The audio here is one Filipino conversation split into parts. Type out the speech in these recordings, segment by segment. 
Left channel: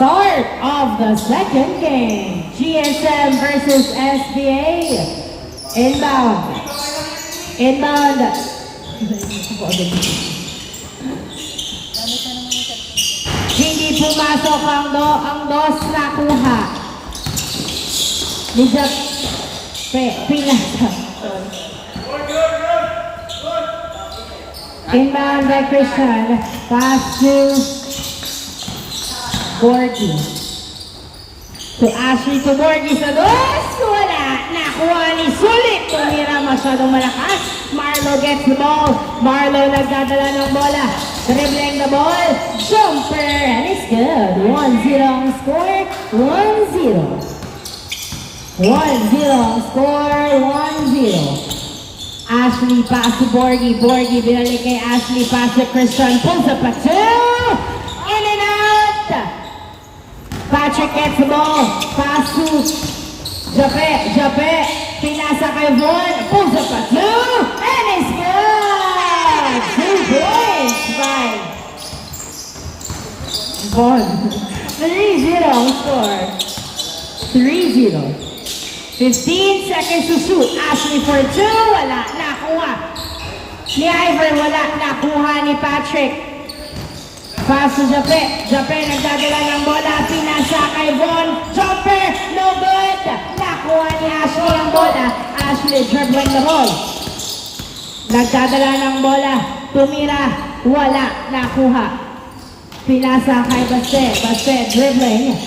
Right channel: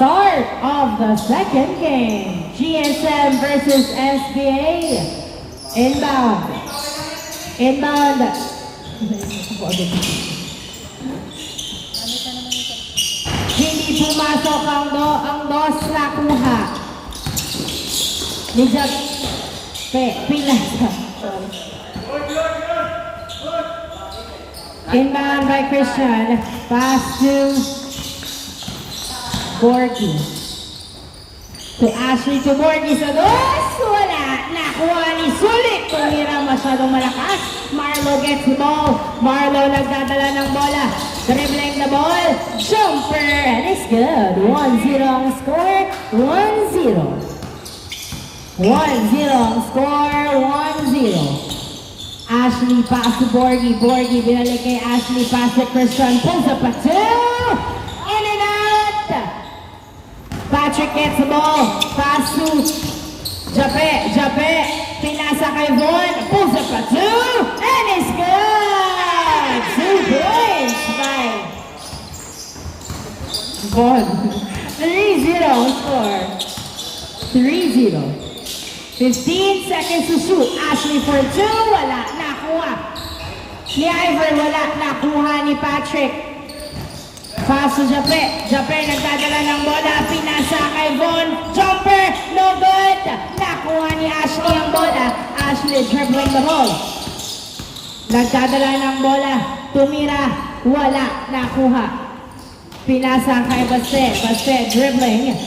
Start of the second game. GSM versus SBA. Inbound. Inbound. Hindi pumasok ang dos nakuha. Ni Jack Pinasa. Inbound by Christian. Pass to Borgie. To Ashley to Borgie sa dos. Wala. Nakuha ni Sulit. Tumira masyadong malakas. Marlo gets the ball. Marlo nagdadala ng bola. Dribbling the ball. Jumper. And it's good. 1-0 ang score. 1-0. 1-0 ang score. 1-0. Ashley pass to Borgie. Borgie binalik kay Ashley. Pass to Christian. Pulls up a two. In and out. Patrick gets the ball. Pass to Jape. Jape. Pinasa kay Von. Pulls up a two. And it's good. 2 points by Von. 3-0 ang score. 3-0. 15 seconds to shoot. Ashley for 2. Wala. Nakuha. Ni Ivor. Wala. Nakuha ni Patrick. Pass to Jape. Jape nagdadala ng bola. Pinasa kay Von. Jumper. No good. Nakuha ni Ashley ang bola. Ashley dribbling the ball. Nagdadala ng bola. Tumira. Wala. Nakuha. Pinasa kay Baste. Baste dribbling.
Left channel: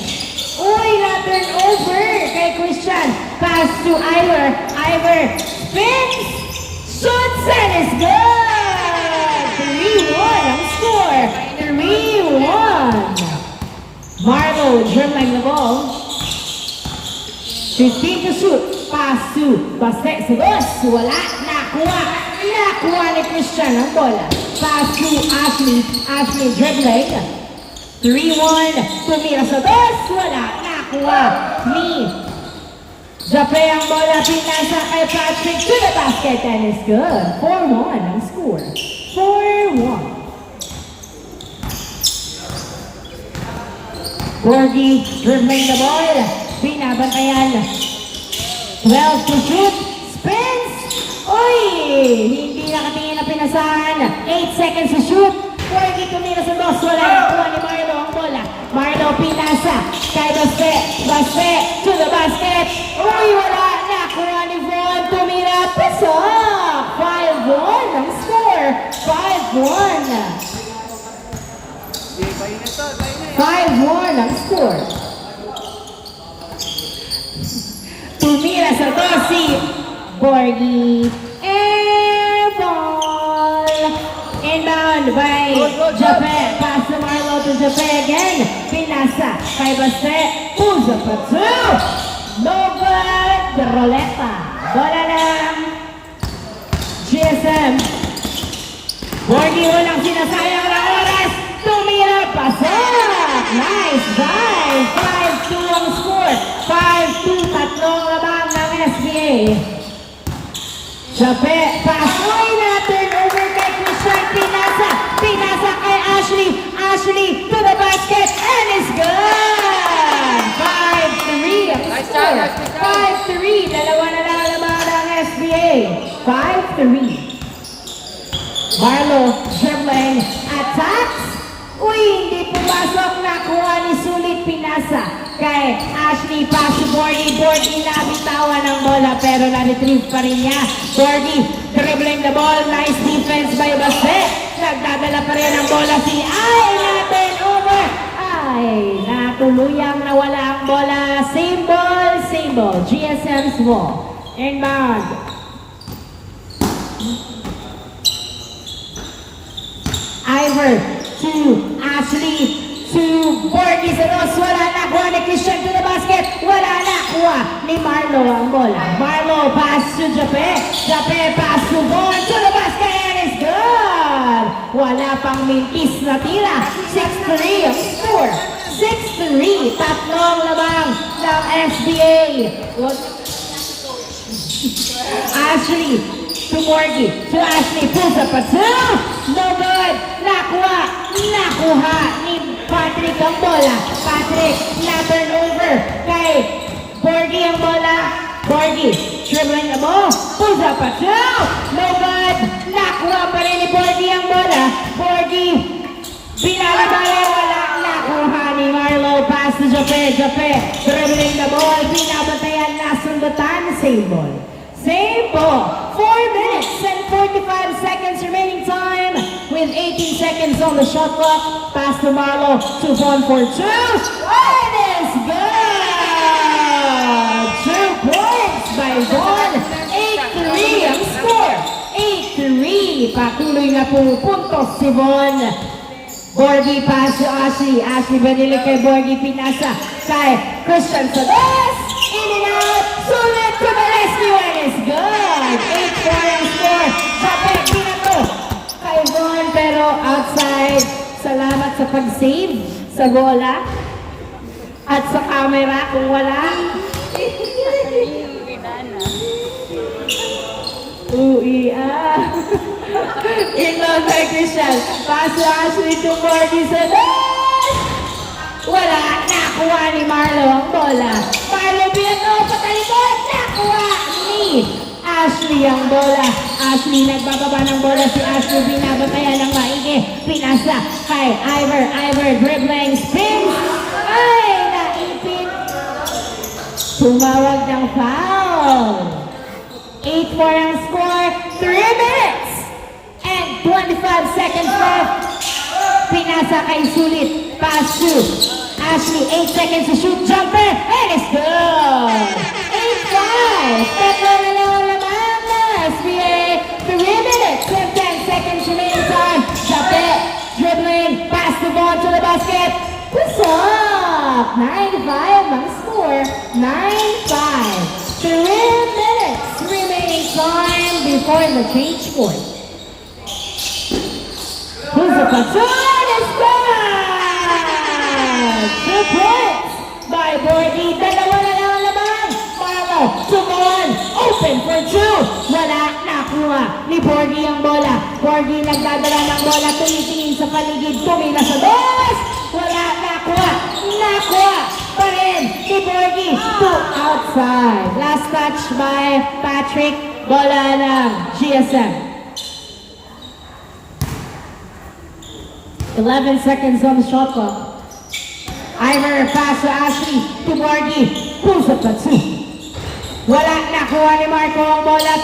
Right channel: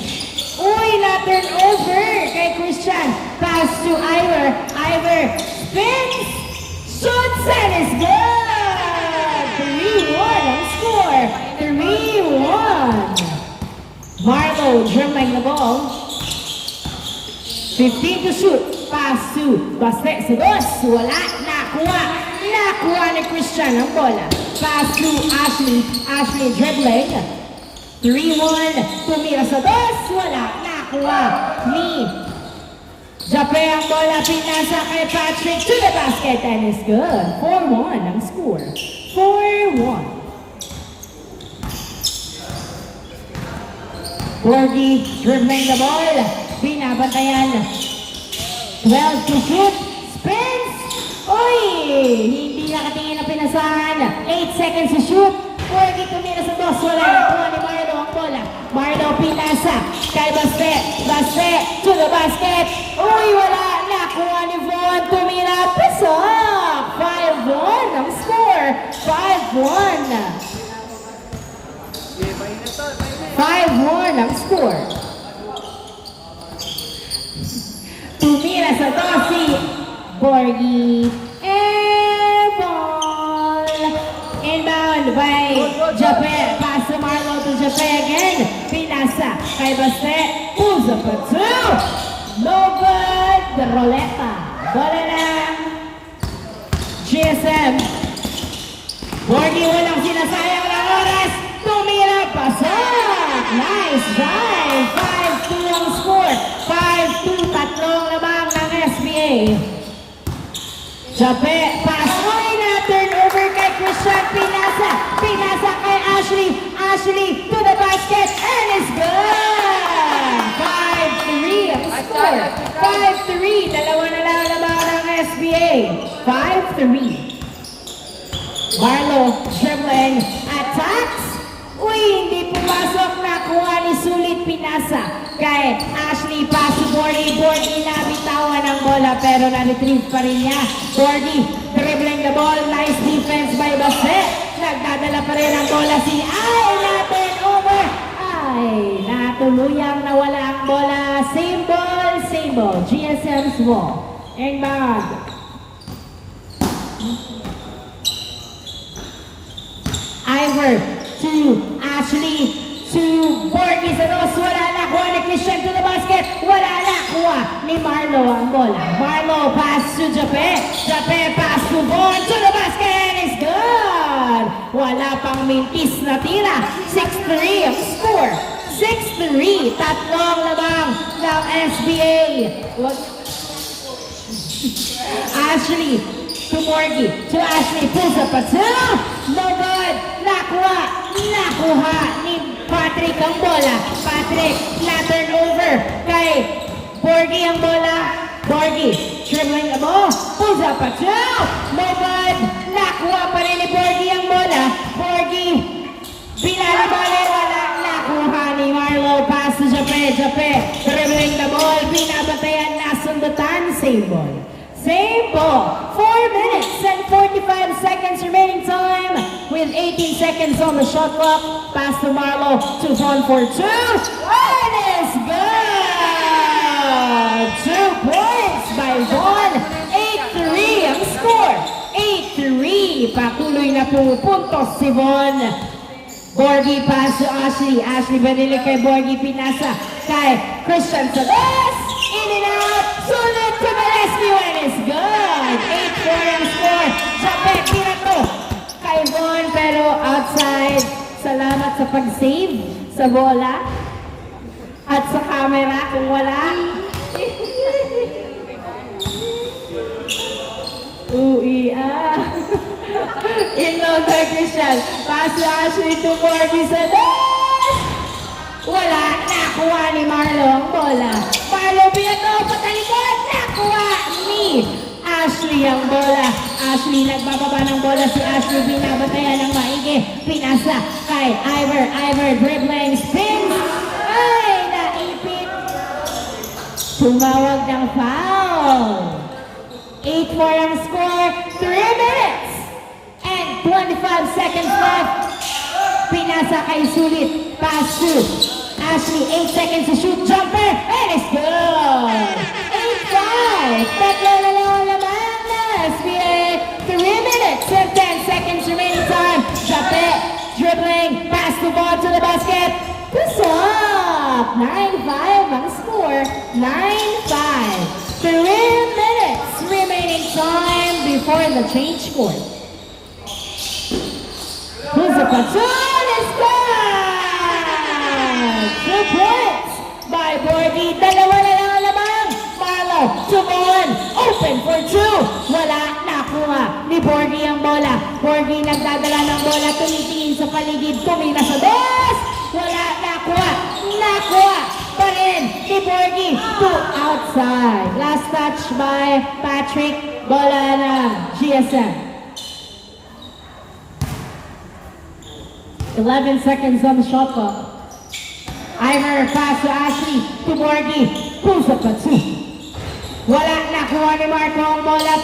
Uy, na-turn over kay Christian. Pass to Ivor. Ivor spins. Shoots and is good. 3-1 ang score. 3-1. Marlo dribbling the ball. 15 to shoot. Pass to Baste. Si Boss. Wala. Nakuha. Nakuha ni Christian ang bola. Pass to Ashley. Ashley dribbling. 3-1. Tumira sa dos. Wala. Nakuha ni Jape ang bola. Pinasa kay Patrick to the basket and it's good. 4-1 ang score. 4-1. Borgie dribbling the ball. Binabantayan. 12 to shoot. Spins. Uy! Hindi nakatingin na pinasahan. 8 seconds to shoot. Borgie tumira sa dos. Wala. Nakuha ni Marlo ang bola. Marlo pinasa kay Baste. Baste to the basket. Uy! Wala. Nakuha ni Von. Tumira. Pasok. 5-1 ang score. 5-1. 5-1 ang score. Tumira sa dosi. Borgie. Air ball. Inbound by Jape. Pass to Marlo to Jape again. Pinasa kay Baste. Pulls up a two. No good. The Roleta. Bola ng GSM. Borgie walang sinasayang ng oras. Tumira. Pasok. Nice dive. 5-2 ang score. 5-2. Tatlong lamang ng SBA. Jape, pass. Uy, na-turn over kay Christian. Pinasa. Pinasa kay Ashley. Ashley to the basket. And it's good. 5-3 ang score. 5-3. Dalawa na lang lamang ng SBA. 5-3. Marlo dribbling. Attacks. Uy, hindi pumasok. Nakuha ni Sulit. Pinasa kay Ashley. Pass to Borgie. Borgie nabitawan ng bola pero na-retrieve pa rin niya. Borgie dribbling the ball. Nice defense by Baste. Nagdadala pa rin ang bola si natin over. Natuluyang nawala ang bola. Same ball, same ball. GSM's ball. Inbound. Ivor to Ashley to Borgie sa dos. Wala nakuha ni Christian to the basket. Wala nakuha ni Marlo ang bola. Marlo pass to Jape. Jape pass to Von to the basket. It's good. Wala pang mintis na tira. 6-3 ang score. 6-3. Tatlong lamang ng SBA. Ashley to Borgie. To Ashley. Pulls up a two. No good. Nakuha nakuha ni Patrick ang bola. Patrick, na-turnover kay Borgie ang bola. Borgie, dribbling the ball, pulls up a two, no good. Nakuha pa rin ni Borgie ang bola. Borgie, binalibalo, wala. Nakuha ni Marlo, pass to Jape, dribbling the ball, binabatayan, nasundutan, same ball. Same ball. 4 minutes and 45 seconds remaining time with 18 seconds on the shot clock. Pass to Marlo, 2 front for 2. It is good! 2 points by Von. 8-3 ang score. 8-3. Patuloy na puntos si Von. Borgie pass to Ashley. Ashley banilig kay Borgie, pinasa kay Christian Sabes. In and out. Sulit to the rescue and it's good. 8-4 ang score. Jape, pinato kay Von pero outside. Salamat sa pag-save sa bola. At sa camera kung wala. Inlove by Christian. Pass to Ashley to Borgie sa dash. Wala. Nakuha ni Marlo ang bola. Marlo Piano sa talikod. Nakuha ni Ashley ang bola. Ashley nagbababa ng bola. Si Ashley binabatayan ng maigi. Pinasa kay Ivor. Ivor dribbling spins. Ay, naipit. Tumawag ng foul. 8-4 ang score. 3 minutes and 25 seconds left. Pinasa kay Sulit. Pass to Ashley. 8 seconds to shoot. Jumper. And it's good. 8-5. Tatlo na lang lamang na SBA. 3 minutes and 10 seconds remaining time. Jumper. Dribbling. Pass the ball to the basket. Push up. 9-5 ang score. 9-5. 3 minutes remaining time before the change court. Who's the patrol? It's good! 2 points by Borgie. Dalawa na lang ang lamang. Marlo, Tumon, open for 2. Wala, nakuha ni Borgie ang bola. Borgie nagdadala ng bola, tumitingin sa paligid, tumila sa dos. Wala, nakuha pa rin ni Borgie to outside. Last touch by Patrick. Bola ng GSM. 11 seconds on the shot clock. Ivor pass to Ashley to Borgie. Pulls up the 2. Wala, nakuha ni Marco ang bola.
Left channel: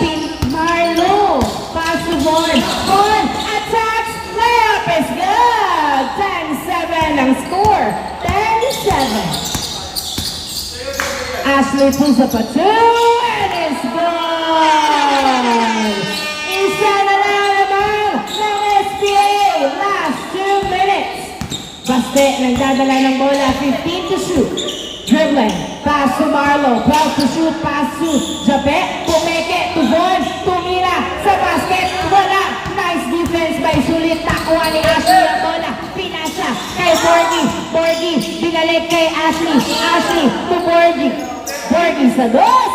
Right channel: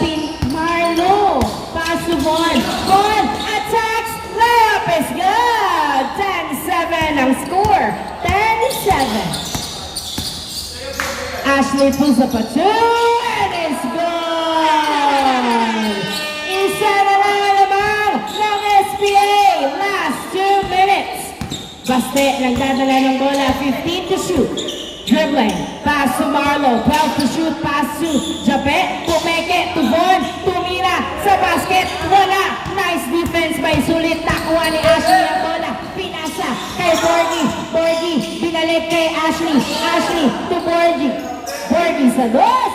Marlo pass to Von. Von attacks. Layup is good. 10-7 ang score. 10-7. Ashley pulls up a 2 and it's good! Isa na lang naman ng SBA. Last 2 minutes. Baste, nagdadala ng bola. 15 to shoot. Dribbling. Pass to Marlo. Pass to shoot. Pass to Jape. Pumeke to Von. Tumira sa basket. Wala. Nice defense by Sulit. Nakuha ni Ashley ang bola. Pinasa kay Borgie. Borgie. Binalik kay Ashley. Ashley to Borgie. Borgie sa dos.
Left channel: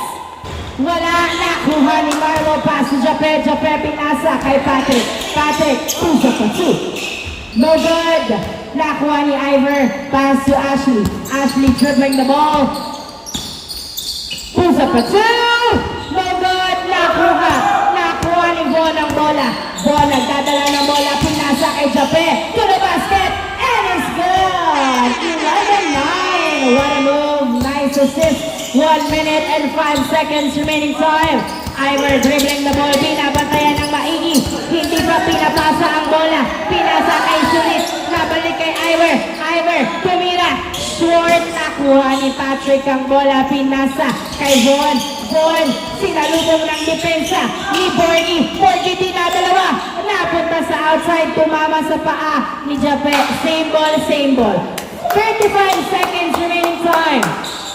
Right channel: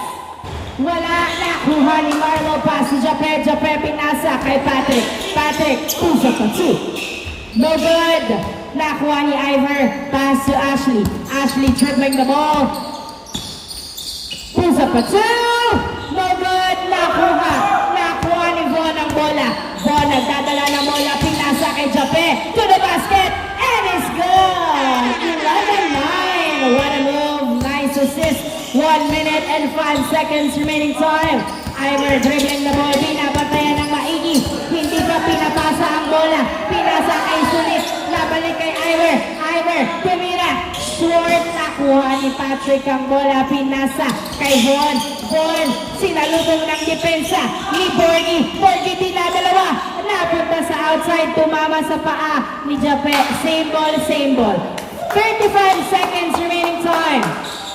Wala, nakuha ni Marlo. Pass to Jape. Jape pinasa kay Patrick. Patrick, pusa pa 2. No good. Nakuha ni Ivor. Pass to Ashley. Ashley dribbling the ball. Pusa pa 2. No good. Nakuha ni Von ang bola. Von nagdadala ng bola. Pinasa kay Jape. To the basket. And it's good. 11-9. What a move. Nice assist. 1 minute and 5 seconds remaining time. Ivor dribbling the ball. Pinapatayan ng maigi. Hindi pa pinapasa ang bola. Pinasa kay Sulit. Nabalik kay Ivor. Ivor tumira. Short. Nakuha ni Patrick ang bola. Pinasa kay Von. Von. Sinalubong ng depensa ni Borgie. Borgie dinadalawa. Napunta sa outside. Tumama sa paa ni Jape. Same ball, same ball. 35 seconds remaining time.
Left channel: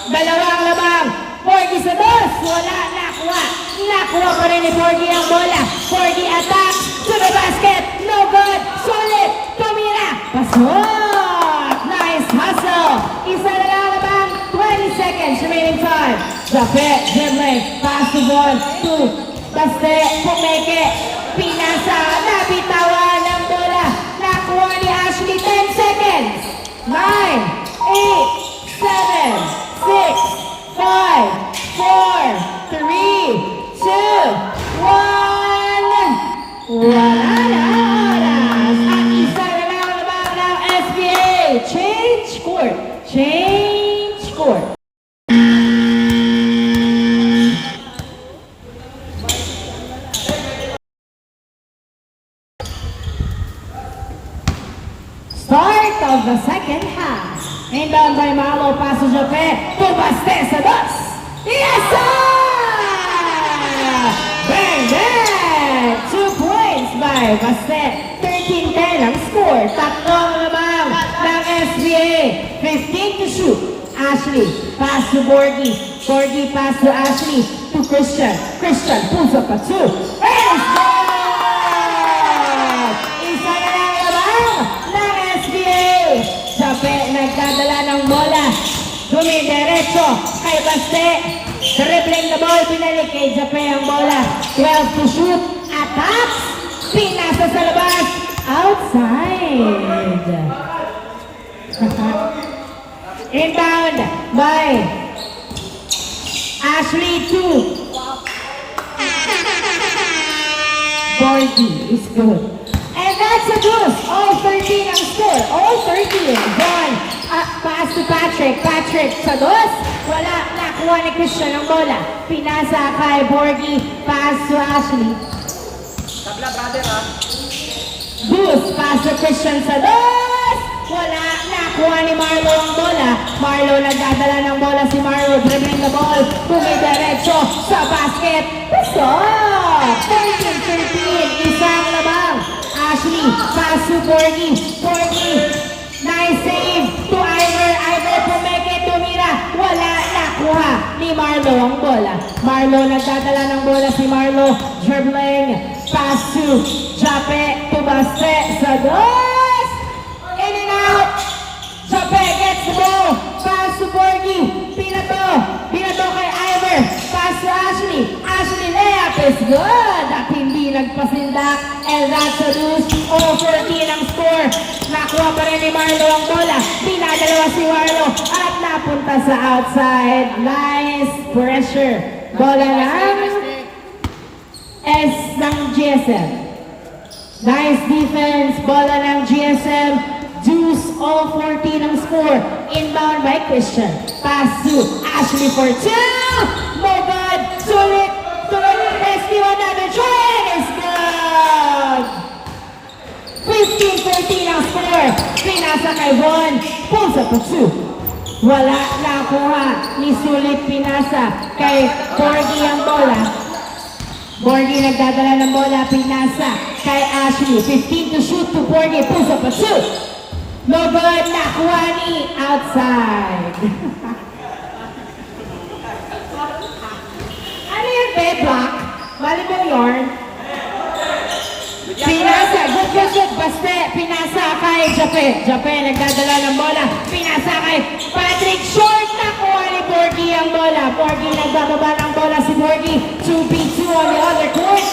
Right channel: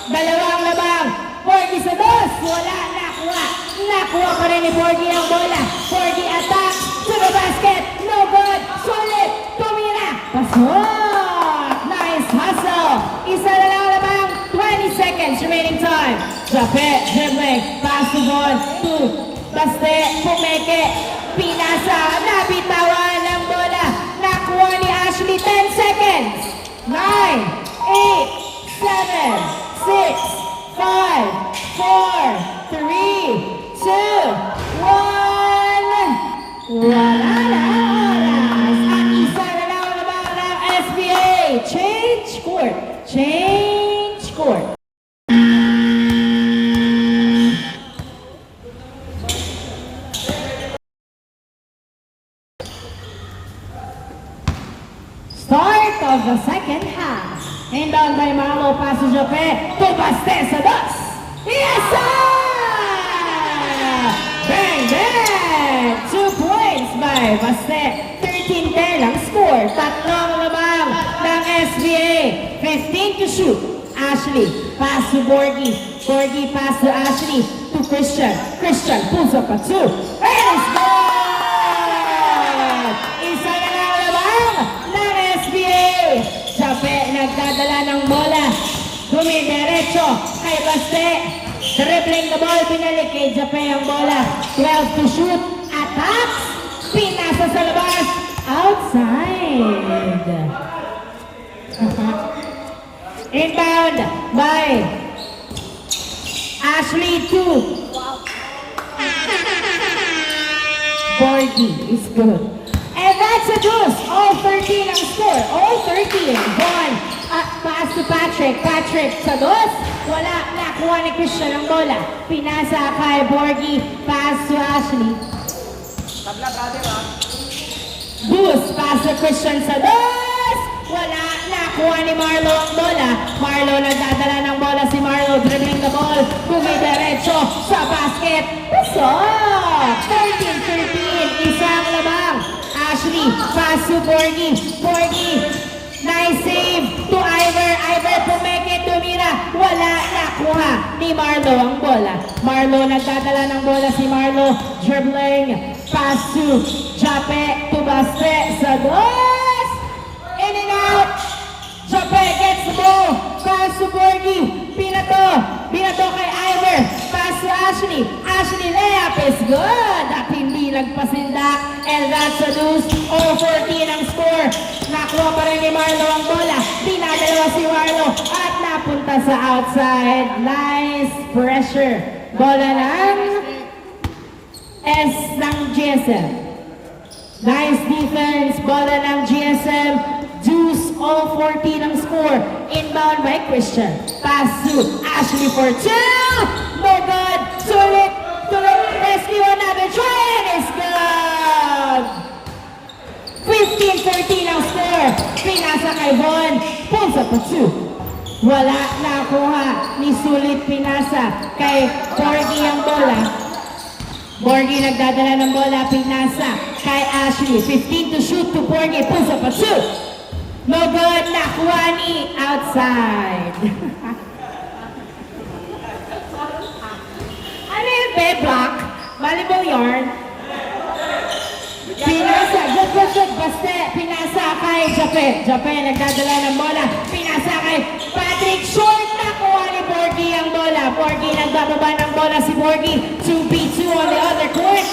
Dalawang labang. Borgie sa dos. Wala. Nakuha pa rin ni Borgie ang bola. Borgie attack to the basket. No good. Solid. Tumira. Pasok. Nice hustle. Isa na lang labang. 20 seconds remaining time. Jape dribbling. Pass the ball to Baste. Pumeke. Pinasa. Nabitawan ang bola. Nakuha ni Ashley Change court. Start of the second half. Inbound by Marlo, pass to Jote, to Baste sa dos. Yes, sir! Bang, bang! 2 points by Baste. 13-10 ang score. Tatlong lamang ng SBA. 15 to shoot. Ashley, pass to Borgie. Borgie, pass to Ashley. To Christian. Christian, pulls up a 2. And it's good! Isa na lang lamang ng SBA. Sabi, nagdadala ng bola. Dumidiretso kay Baste. Dribbling the ball, pinalik kay Jape ang bola. 12 to shoot. Attack! Pinasa sa labas. Outside. Inbound by Ashley 2. Borgie is good. And that's a deuce. All 13 ang score. All 13. Ball. Pass to Patrick. Patrick sa dos. Wala. Nakuha ni Christian ang bola. Pinasa kay Borgie. Pass to Ashley. Deuce. Pass to Christian sa dos. Wala. Nakuha ni Marlo ang bola. Marlo nagdadala ng bola si Marlo. Dribbling the ball. Bumidiretso sa basket. Stop! 13-13. Isang labang. Ashley, pass to Borgie. Borgie, nice save to Ivor. Ivor pumeke, tumira. Wala, nakuha ni Marlo ang bola. Marlo, nagdadala ng bola si Marlo. Dribbling, pass to Jape, to Baste, sa dos. In and out. Jape gets the ball. Pass to Borgie. Pinato kay Ivor. Pass to Ashley. Ashley, layup is good. At hindi nagpasindak. And that's a deuce. All 14 ang score. Nakuha pa rin ni Marlo ang bola. Pinadalawa si Marlo. At napunta sa outside. Nice pressure. Bola ng S ng GSM. Nice defense. Bola ng GSM. Deuce. All 14 ang score. Inbound by Christian. Pass to Ashley for 2. No good. Sulit. Rescue another try. And it's good. 15-13 ang score. Pinasa kay Von. Pulls up a 2. Wala nakuha. Ni Sulit pinasa kay Borgie ang bola. Borgie nagdadala ng bola. Pinasa kay Ashley. 15 to shoot to Borgie. Pulls up a 2. No good. Nakuha ni outside. Ano yung bedlock? Volleyball yarn. Pinasa, good, Baste, pinasa kay Jape. Jape, nagdadala ng bola. Pinasa kay Patrick, short, nakuha ni Borgie ang bola. Borgie, nagdababa ng bola si Borgie. 2v2 on the other court.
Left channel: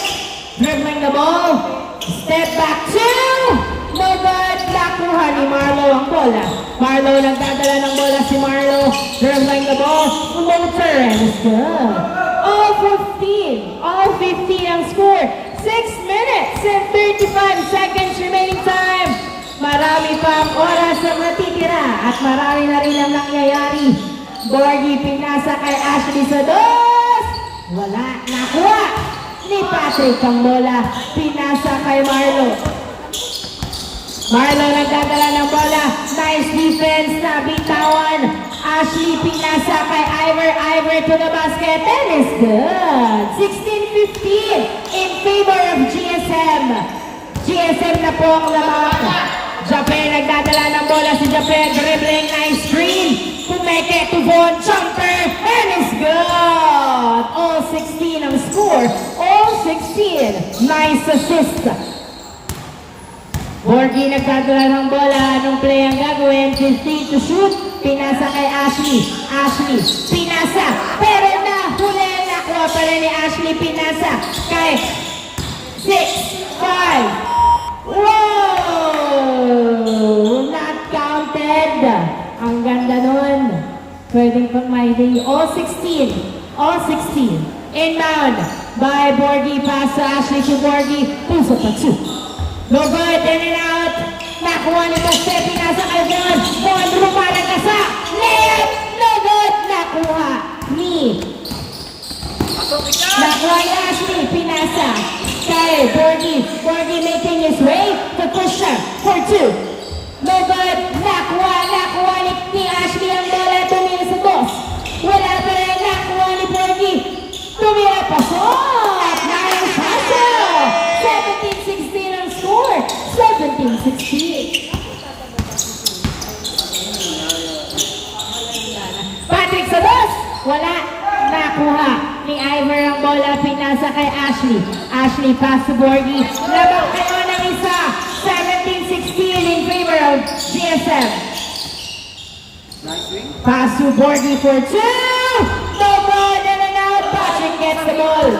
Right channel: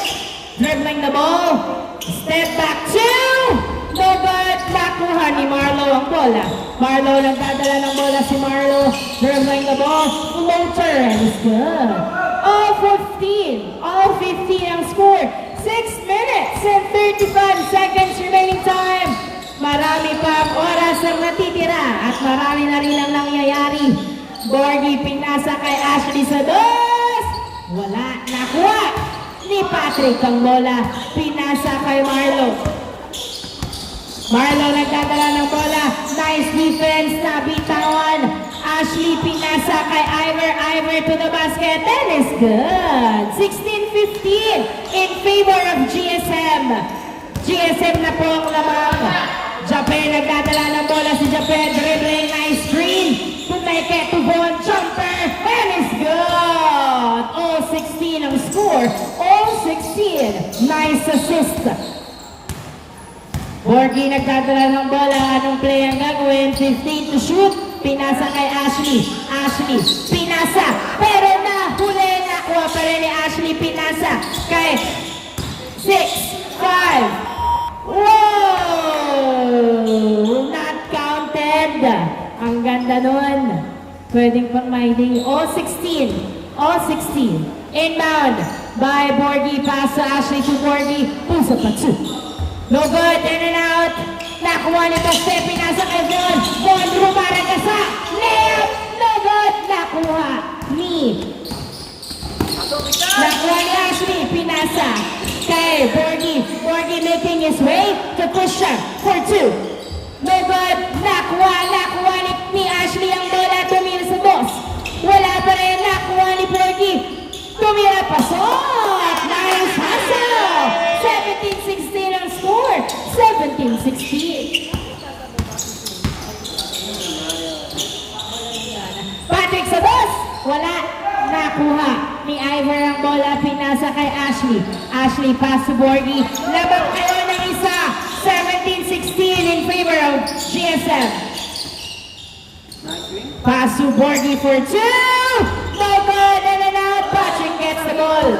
Dribbling the ball. Step back 2. No good, nakuha ni Marlo ang bola. Marlo, nagdadala ng bola si Marlo. Dribbling the ball. Floater, and it's good. All 15 ang score. 6 minutes and 35 seconds remaining time. Marami pa ang oras ang natitira at marami na rin ang nangyayari. Borgie pinasa kay Ashley sa dos. Wala, nakuha ni Patrick ang bola. Pinasa kay Marlo. Marlo nagdadala ng bola. Nice defense na bitawan. Ashley pinasa kay Ivor. Ivor to the basket. That is good. 16-15 in favor of GSM. GSM na po ang lamang. Jape nagdadala ng bola si Jape. Dribbling, nice screen. Pumeke to Von. Jumper. And it's good. All 16 ang score. All 16. Nice assist. Borgie nagdadala ng bola. Anong play ang gagawin? 15 to shoot. Pinasa kay Ashley. Ashley, pinasa. Pero nahuli. Nakuha pa rin ni Ashley. Pinasa kay 6, 5. Whoa! Not counted. Ang ganda nun. Pwedeng pang may day. All 16. All 16. Inbound by Borgie. Pass to Ashley to Borgie. Puso pa 2. No good. In and out. nakuha ni Baste, pinasa kay Von. Von, rumarang sa layup, no good, nakuha ni. Nakuha ni Ashley, pinasa kay Borgie. Borgie making his way to Christian for 2. No good, nakuha ni Ashley ang bola, tumira sa boss. Wala pa rin, nakuha ni Borgie. Tumira pa shot! Nice hustle! 17-16 ang score. 17-16. Patrick sa boss. Wala. Nakuha ni Ivor ang bola. Pinasa kay Ashley. Ashley pass to Borgie. Labang ko ng isa. 17-16 in favor of GSM. Pass to Borgie for 2. No ball. And out. Patrick gets the ball.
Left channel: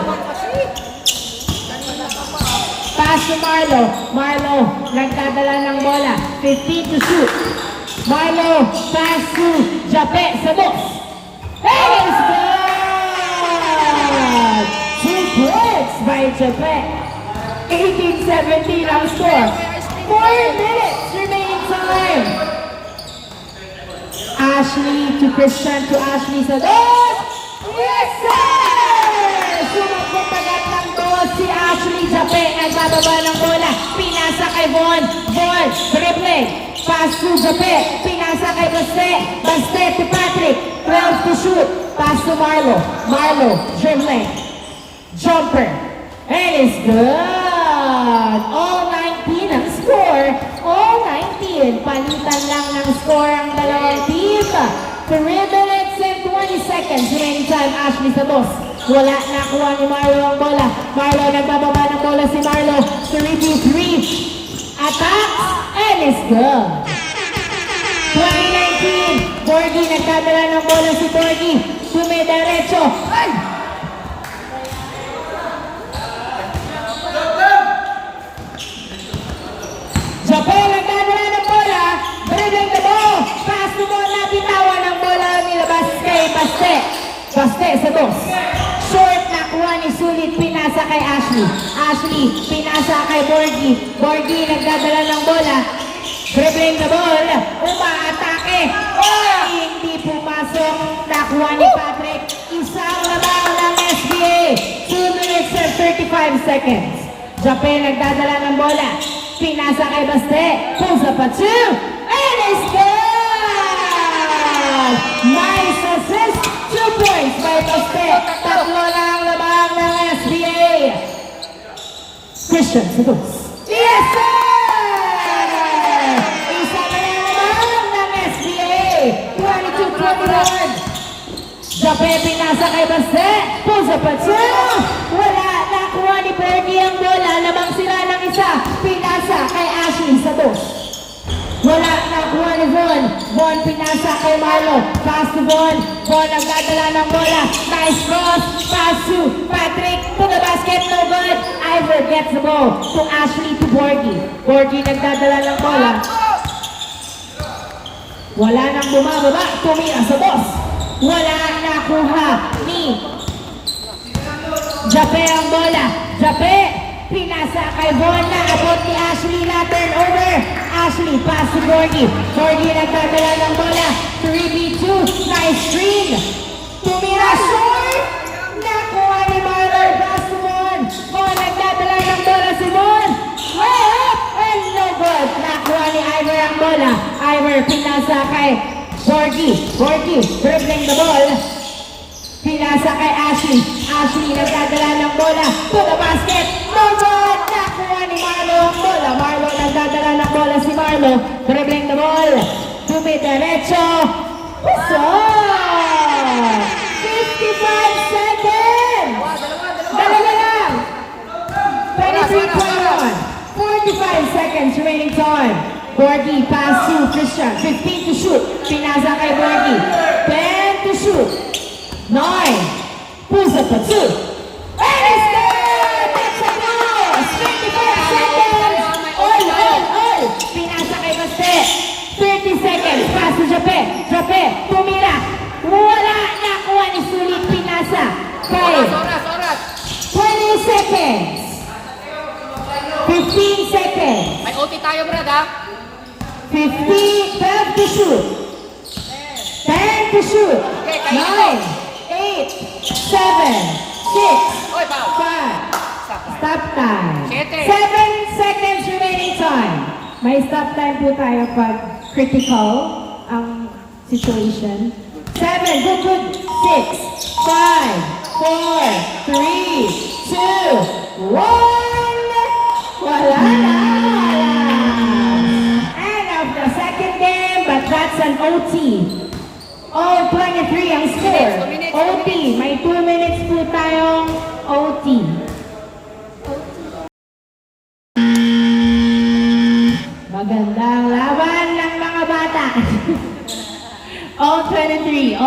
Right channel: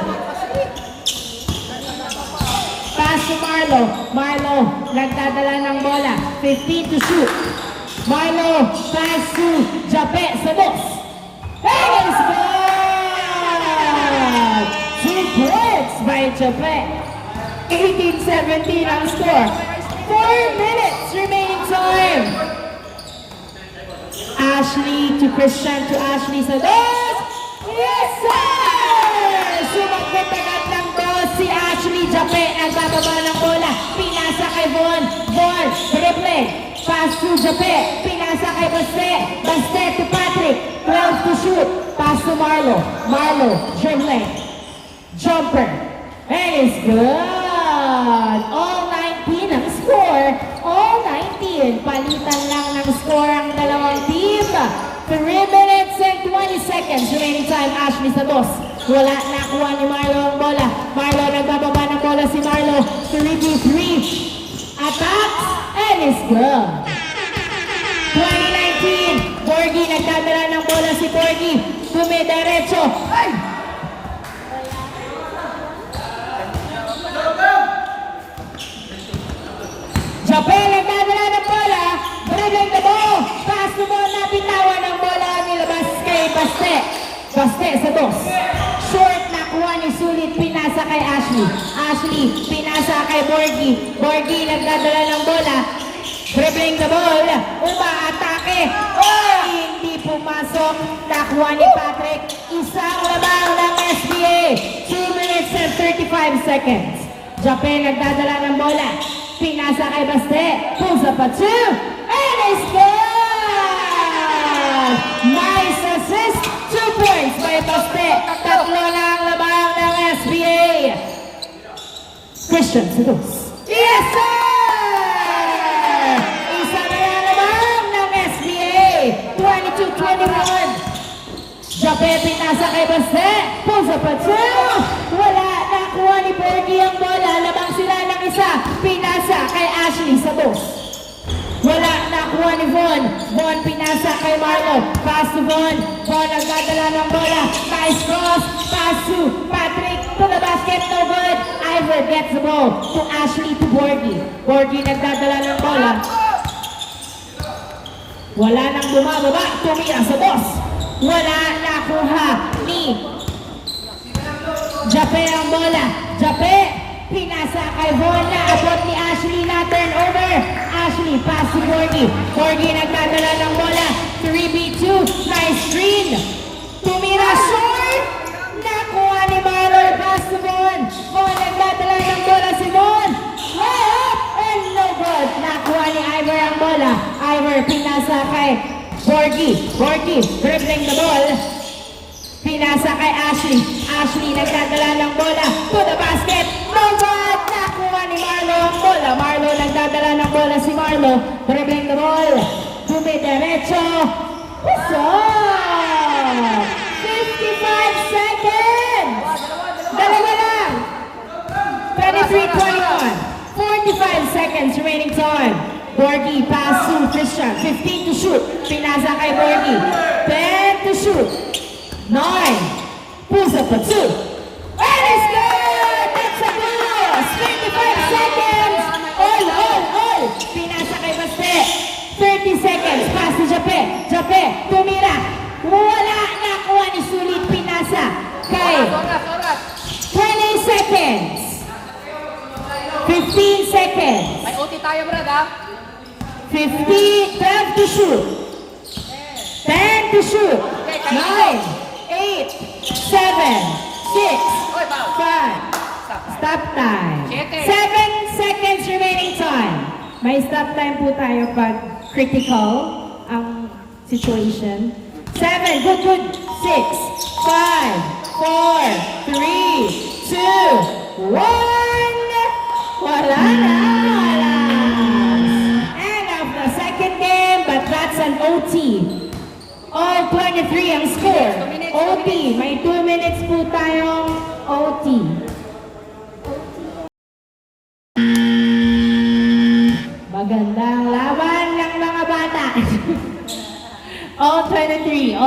Pass to Marlo. Marlo nagdadala ng bola. 15 to shoot. Marlo pass to Jape sa box. And it's good! 2 points by Jape. 18-17 ang score. 4 minutes remaining time. Ashley to Christian to Ashley sa box. Yes, sir! Sumakot agad ng boss si Ashley. Jape nagbababa ng bola. Pinasa kay Von. Von, dribble. Pass to Jape. Pinasa kay Baste. Baste to Patrick. 12 to shoot. Pass to Marlo. Marlo, dribble. Jumper. And it's good. All 19 ang score. All 19. Palitan lang ng score ang dalawang team. 3 minutes and 20 seconds remaining time. Ashley sa boss. Wala, nakuha ni Marlo ang bola. Marlo, nagbababa ng bola si Marlo. 3v3. Attacks. And it's good. 2019. Borgie, nagdadala ng bola si Borgie. Dumidiretso. Ay! Japan, nagdadala ng bola. Dribbling the ball. Pass the ball na binawan ng bola nilabas kay Baste. Baste sa boss. Short, nakuha ni Sulit, pinasa kay Ashley. Ashley, pinasa kay Borgie. Borgie, nagdadala ng bola. Dribbling the ball. Umaatake. Oh, hindi pumasok. Nakuha ni Patrick. Isang lamang ng SBA. 2 minutes and 35 seconds. Japan, nagdadala ng bola. Pinasa kay Baste. Pusa pa 2. And it's good! Nice assist. 2 points by Baste. Tatlo na ang labang ng SBA. Christian Sedos. Yes, sir! Isa na lang ng SBA. 22-21. Jape, pinasa kay Baste. Pusa pa 2. Wala. Nakuha ni Bergie ang bola. Labang sila ng isa. Pinasa kay Ashley sa dos. Wala, nakuha ni Von. Von pinasa kay Marlo. Pass to Von. Von nagdadala ng bola. Nice cross. Pass to Patrick. To the basket, no good. Ivor gets the ball. To Ashley to Borgie. Borgie nagdadala ng bola. Wala nang bumababa. Tumira sa boss. Wala, nakuha ni Jape ang bola. Jape, pinasa kay Von. Naabot ni Ashley natin. Over. Ashley, pass to Borgie. Borgie nagdadala ng bola. 3v2. Nice screen. Tumira short. Nakuha ni Marlon. Pass to Von. Von nagdadala ng bola si Von. Layup and no good. Nakuha ni Ivor ang bola. Ivor, pinasa kay Borgie. Borgie, dribbling the ball. Pinasa kay Ashley. Ashley nagdadala ng bola to the basket. No good! Nakuha ni Marlo ang bola. Marlo nagdadala ng bola si Marlo. Dribbling the ball. Dumidiretso. Puso! 55 seconds! Dalawa lang! 23-21. 45 seconds remaining time. Borgie pass to Christian. 15 to shoot. Pinasa kay Borgie. 10 to shoot. 9. Pusa pa 2. And it's good! That's a pass! 55 seconds! All! Pinasa kay Baste. 30 seconds. Pass to Jape. Jape, tumira. Wala. Nakuha ni Sulit. Pinasa. 5. 20 seconds. 15 seconds. May OT tayo, brad, ha? 15, 12 to shoot. 10 to shoot. 9, 8, 7, 6, 5. Stop time. 7 seconds remaining time. May stop time po tayo pag critical ang situation. 7, good. 6, 5, 4, 3, 2, 1. Wala na. End of the second game, but that's an OT. All 23 ang score. OT. May 2 minutes po tayong OT. Magandang laban ng mga bata. All 23.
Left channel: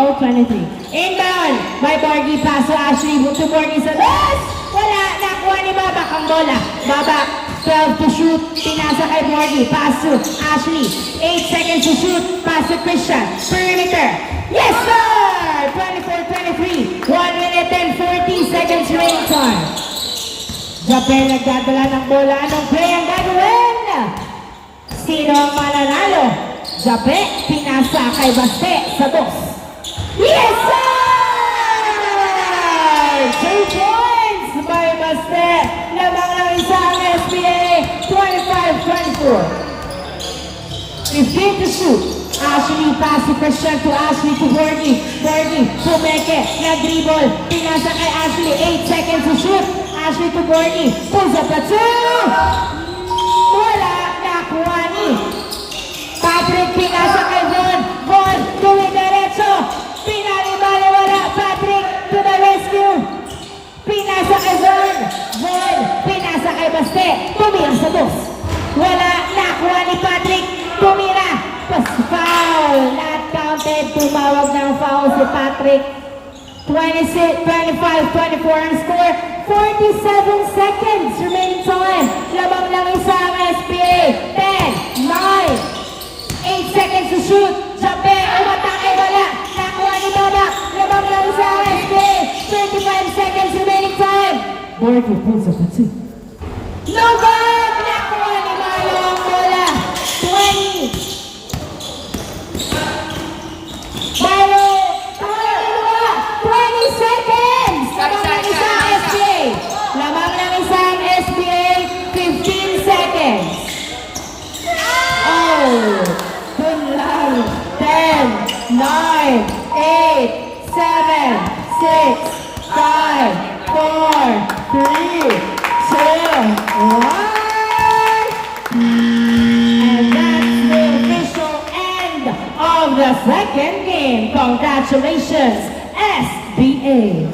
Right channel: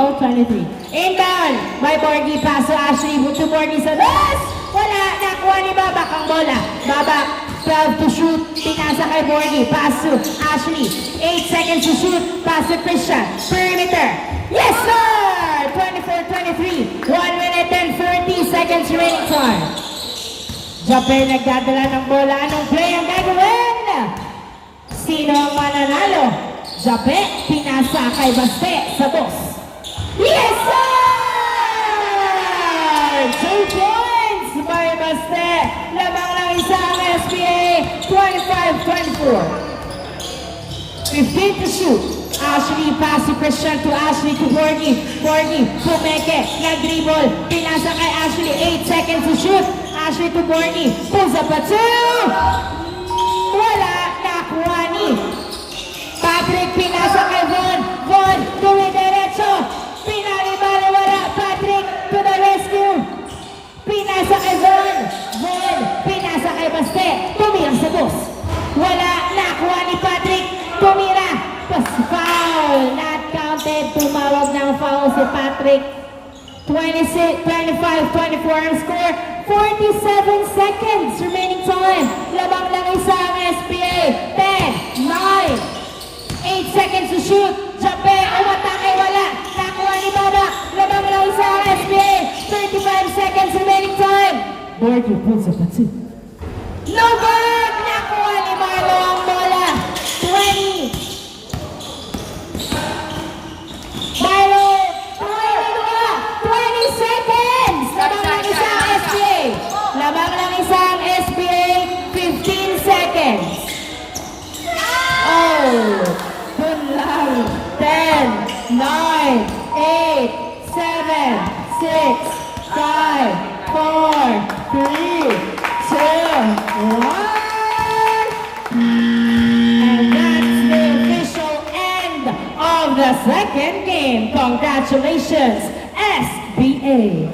Inbound by Borgie. Paso Ashley. To Borgie sa last. Wala. Nakuha ni Baba ang bola. Baba. 12 to shoot. Pinasa kay Borgie. Paso Ashley. 8 seconds to shoot. Paso Christian. Perimeter. Yes, sir! 24-23. 1 minute and 30 seconds remaining time. Japel nagdadala ng bola. Anong play ang gagawin? Sino ang mananalo? Japel, pinasa kay Baste sa dos. Yes, sir! 2 points by Baste. Lamang lang isa ang SPA. 25-24. 15 to shoot. Ashley, pass to Christian to Ashley to Borgie. Borgie, Pumeke, nag-dribble. Pinasa kay Ashley. 8 seconds to shoot. Ashley to Borgie. Pulls up a 2. Wala. Nakuha ni Patrick. Pinasa kay Von. Von, tumidiretso. Pinalibali wala. Patrick to the rescue. Pinasa kay Von. Von, pinasa kay Baste. Tumira sa dos. Wala. Nakuha ni Patrick. Tumira. Foul. Not counted. Tumawag ng foul si Patrick. 25-24 ang score. 47 seconds remaining time. Labang lang isa ang SPA. 10, 9, 8 seconds to shoot. Jape, umatake, wala. Nakuha ni Baba. Labang lang isa ang SPA. 35 seconds remaining time. Borgie pulls up a 2. No good! Nakuha ni Malo ang bola. 20. Malo, 20 seconds! Lamang lang isang SPA. Lamang lang isang SPA. 15 seconds. Oh! Good luck. 10, 9, 8, 7, 6, 5, 4, 3, 2, 1. And that's the official end of the second game. Congratulations, SBA.